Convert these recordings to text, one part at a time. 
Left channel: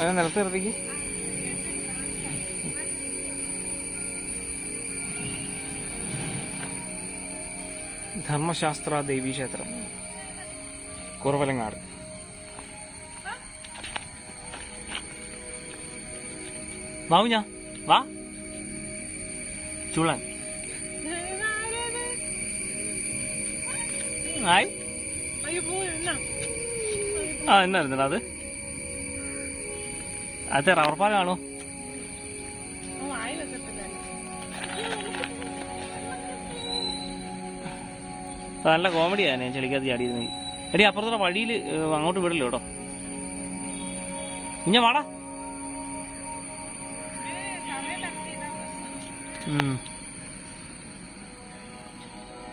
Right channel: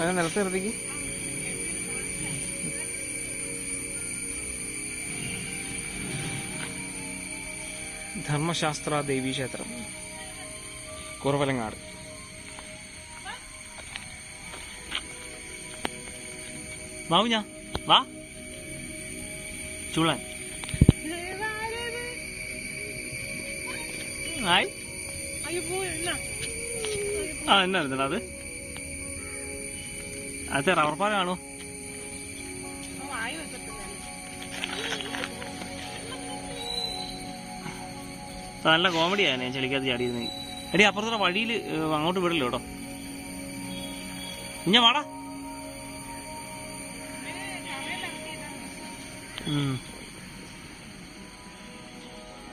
അത് നിലത്ത് നിർത്തിക്ക്. ധർമ്മശാസ്ത്ര ദേവീക്ഷേത്രം, കുറവലങ്ങാട്. വാവുഞ്ഞ വാ ചുളൻ. ആയി ആ എന്നായിരുന്നടാ അത്? അത് റബ്ബർ പാലാണോ? നല്ല കോമഡിയാണ് ഞാൻ ചെളിക്കകത്ത് ചാടിയിരുന്നെങ്കിൽ. എടി അപ്പുറത്തുള്ള വഴിയിൽ അങ്ങോട്ട് വിടല്ലോ കേട്ടോ. ഇഞ്ഞ വാടാ.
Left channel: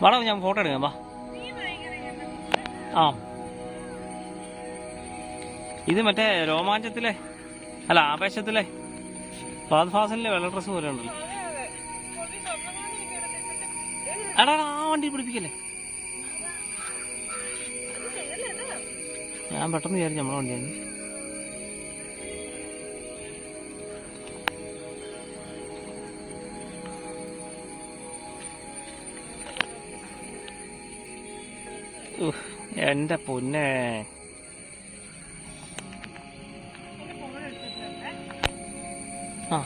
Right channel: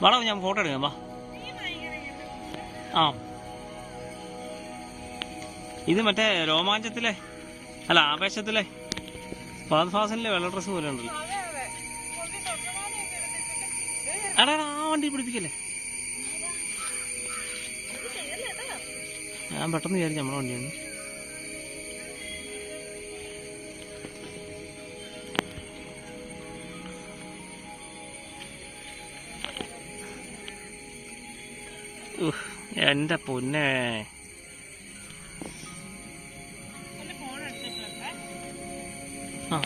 വാടാ ഞാൻ ഫോട്ടോ എടുക്കാം. വാ. ആ ഇത് മറ്റേ രോമാഞ്ചത്തിലെ അല്ല ആവേശത്തിലെ ഫഹദ് ഫാസിലിന്റെ വെള്ള ഡ്രസ് പോലെ ഉണ്ടല്ലോ. എടാ ആ വണ്ടി പിടിപ്പിക്കല്ലേ. ഞാൻ പെട്ടെന്ന് വിചാരിച്ചു നമ്മളെ വണ്ടിയാണ്. എന്റെ പൊന്നെ. ആ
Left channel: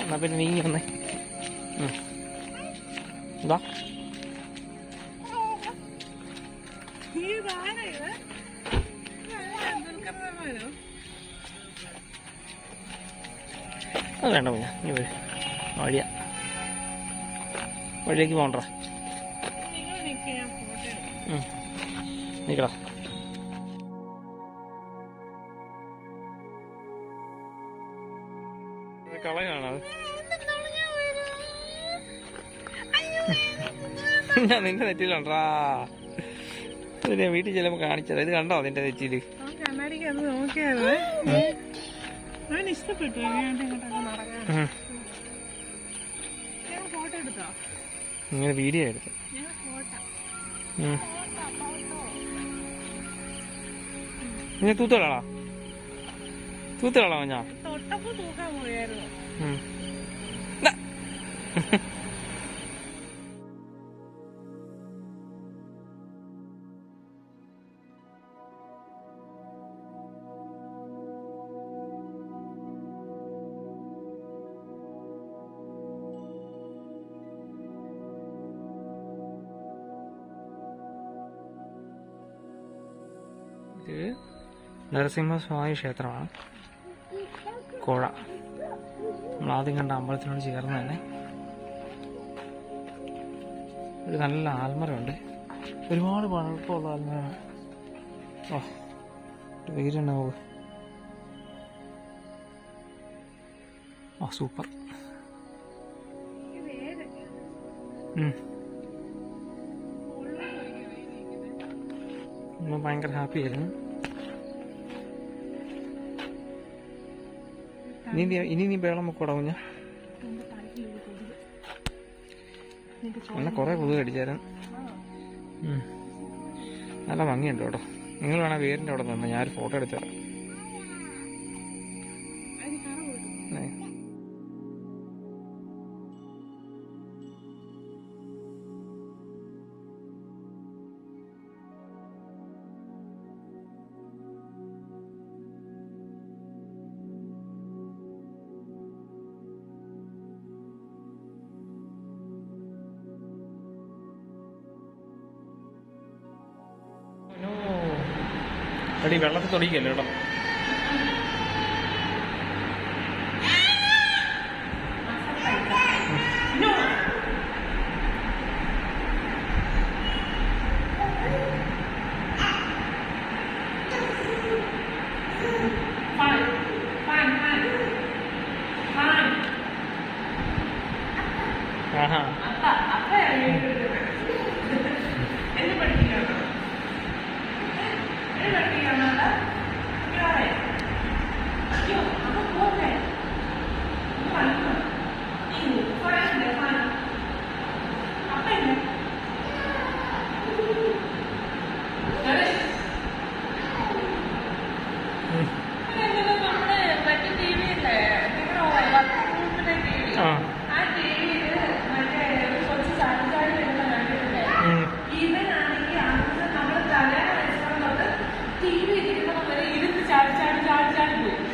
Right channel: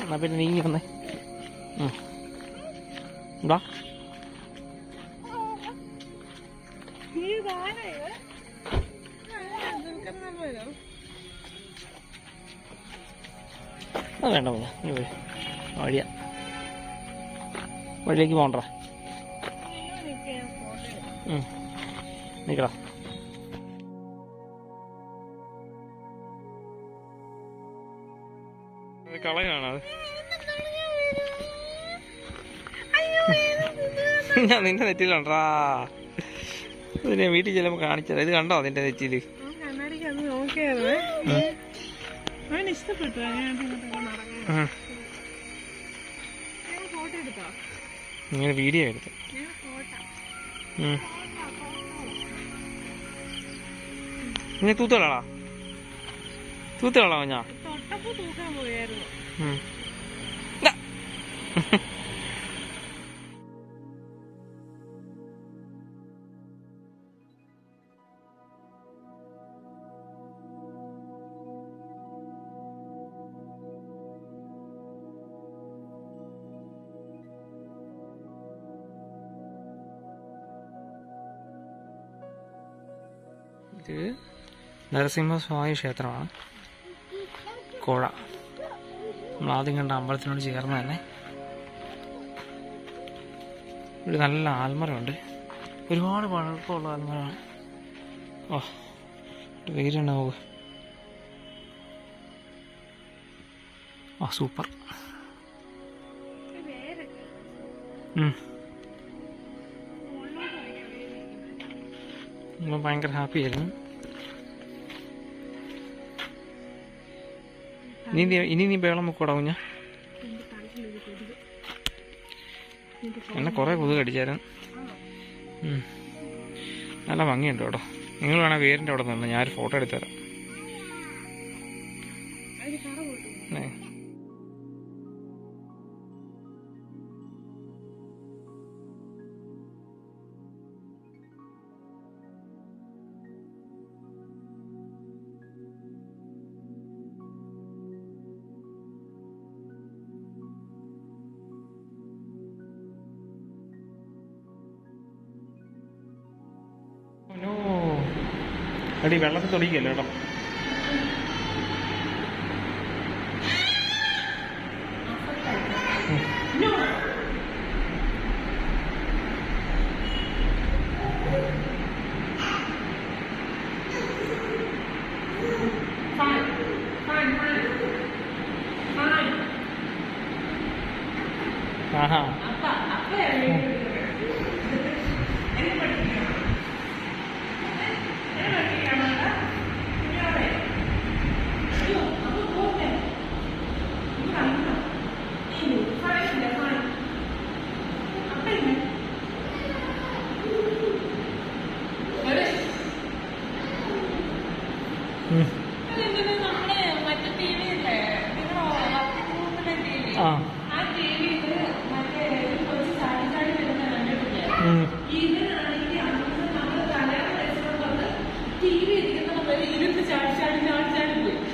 എന്നാ പിന്നെ നീങ്ങി വന്നേ. എന്താ അത് വേണ്ട പോഞ്ഞ നീ വഴിയാ വഴിയിലേക്ക് പോകണ്ട. നിക്കടാ. കളയാണത്. ഞാൻ നിന്റെ നെറ്റിലുണ്ടാ. ഇത് ഞാൻ വീട്ടിൽ ചെല്ലുമ്പോ കാണിച്ചത്. ഇത് കണ്ടോ നിന്റെ നെറ്റിയില്? ഇങ്ങനെ വീഡിയോ എടുത്ത് ഇങ്ങനെ തൂത്തോളാ ഞാൻ ഇത് നരസിംഹസ്വാമി ക്ഷേത്രമാണ്. കോഴ നമ്മളാദ്യം കണ്ട അമ്പലത്തിനോട് ചേർന്ന് തന്നെ ഒരു നല്ല ആൽമരമുണ്ട്. ഒരുപാട് പഴക്കമുള്ള ആൽമരമാണ്. ഓ വീരുണ്ട് നോക്ക്. ആ സൂപ്പർ. ഭയങ്കര ഹാപ്പി ആയിരുന്നു. ഇനി നീ ബേളം വെക്കൂടാ കുഞ്ഞ. എന്നെ കുറെ കൊതുക് കടിച്ചായിരുന്നു. നല്ല ഭംഗിയുണ്ട് കേട്ടോ. നിങ്ങൾ വേണേൽ വേരിൻ്റെ അവിടെ നിന്ന് ഞാനൊരു ഫോട്ടോ എടുത്തു തരാം. എടി വെള്ളത്തിൽ തൊടിക്കല്ലോ കേട്ടോ. ആഹാ ആ ആ ടിവിയില് മറ്റേ കുറച്ച് ചാടി വരുന്ന കണ്ടിട്ടില്ലേ? ഇവനാണെങ്കിൽ അന്ന് നമ്മള് കല്യാണം കഴിച്ചതുകൊണ്ട് ടി വി ഇരിക്കുമ്പോൾ വരെ ഇരുന്ന് ചാടി പോകും.